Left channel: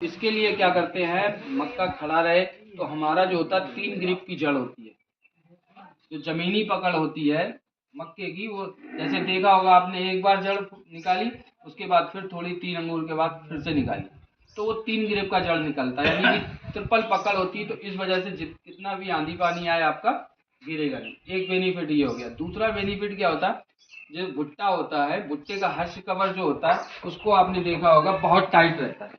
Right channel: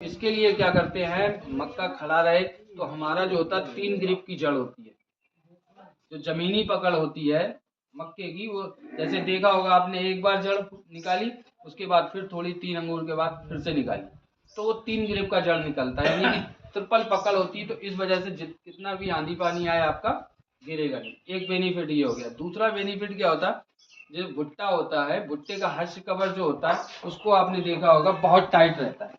इसके लिए क्या करते हैं, मक्का खड़ा रहे तो हमारा जो होता है 3 ग्रिप की जड़ होती है, जो जमीनी पकड़ होती है मक्के की, वो जैसे देखा होगा आपने, एक बार जड़ निकाली उसके बाद फिर थोड़ी 3 अंगूर के बाद फिर से निकाली तो वो 3 ग्रिप का जड़ निकलता है, यानी कि ट्रिपल पकड़ होती है। तो इस वजह से कितना भी आंधी पानी आए आपका गिरेगा नहीं। एक बेनिफिट ये हो गया। दूसरा बेनिफिट क्या होता है, जो भुट्टा होता है, भुट्टे का हर्ष कवर जो होता है उसको आपने देखा होगा बहुत टाइट रहता है,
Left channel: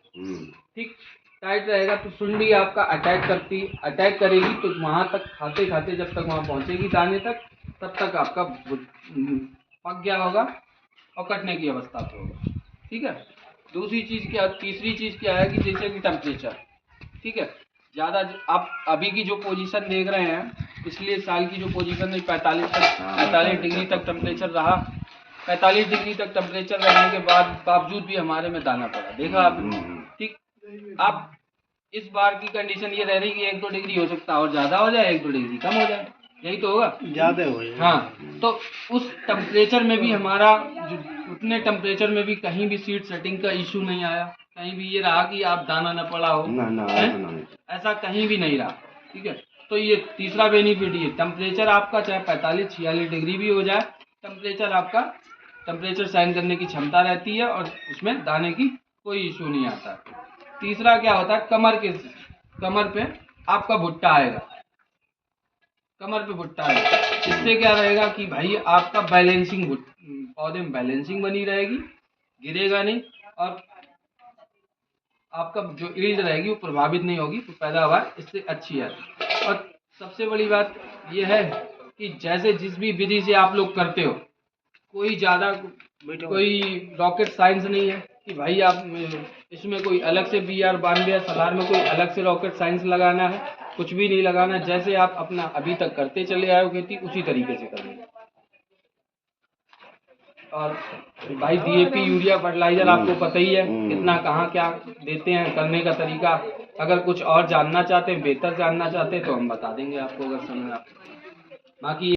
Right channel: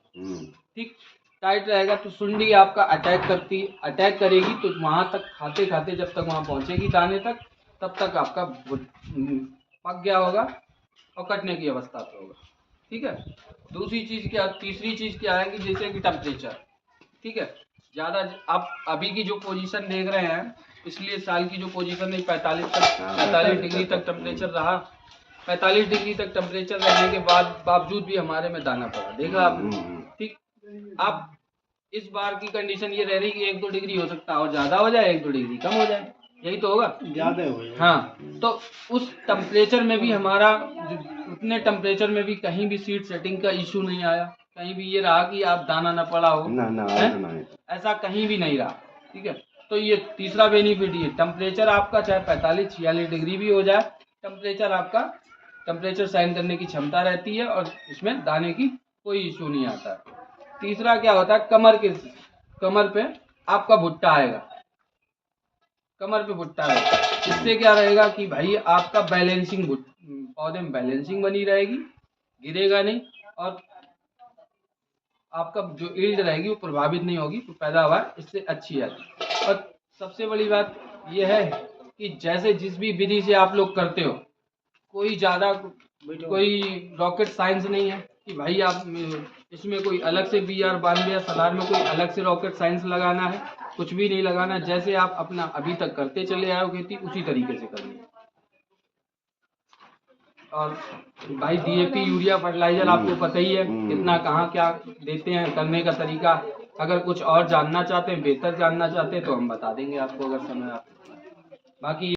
ठीक, टाइट रहेगा तो सुंडी आपका अटैक करेगी तो वहां तक खाते खाते जब तक वहां पहुंचेगी दाने तक, तब तक आपका पक गया होगा और कटने की अवस्था पे होगा, ठीक है। दूसरी चीज क्या, तीसरी चीज क्या है कि जैसे कि टेम्परेचर, ठीक है, ज़्यादा आप अभी की जो पोजीशन देख रहे हैं, पिछले साल की जो पोजीशन है 45 डिग्री तक टेम्परेचर रहा। 45 डिग्री तक टेम्परेचर रहने के बावजूद भी हमारे में दाना पड़ा, देखा आपने, ठीक। अब इस बार की कंडीशन ये रह रही कि 1-2 डिग्री हो सकता है और ज़्यादा हो जाए, 1-2 डिग्री कम हो जाए, यही तो होगा, ज़्यादा हो जाए। हाँ, तो उस टेम्परेचर में भी हमारा उतने टेम्परेचर में भी कहीं भी सीड सेटिंग का इशू नहीं आया, कहीं भी ये रहा कि आप दाना न पड़ा हो, ऐसा कहीं भी नहीं रहा, ठीक है। तो ये तीसरा बेनिफिट, ये टेम्परेचर आपका चाहे 45-46 डिग्री भी हो जाए, टेम्परेचर सहन करने की क्षमता रहती है और उसमें दाने की कोई इशू नहीं आता। तीसरा क्या होता है, कमर पे आपका भुट्टा आएगा, कमर पे भुट्टा आएगा। इससे क्या रहेगा कि भाई आपका बैलेंसिंग, पौधे में बैलेंसिंग बनी रहेगी, गिरेगा नहीं और आपका जो ईल्ड रहेगी वो प्रभावित नहीं होगी, तो पैदावार इससे अच्छी आती। और सबसे बड़ी बात यह है कि जैसे जिस भी विधि से आप लोग करते हो, कोई रॉकेट साइंस नहीं है कि भाई आप इसमें कोई अलग से BR92 या सलार में कोई अलग से रॉकेट साइंस लगाना है, कुछ भी नहीं लगाना। जैसे आप अपना अभी तक करते चले आए हो खेती, उसी तरीके से करनी है। और भाई DAP यूरिया फर्टिलाइजर आपको पता ही है कितना कहाँ क्या देते हैं, करने का तरीका। अगर कुछ और जानना चाहते हैं, बेहतर जानना चाहते हैं तो हम बता देंगे आपको, अगर समय आप बाकी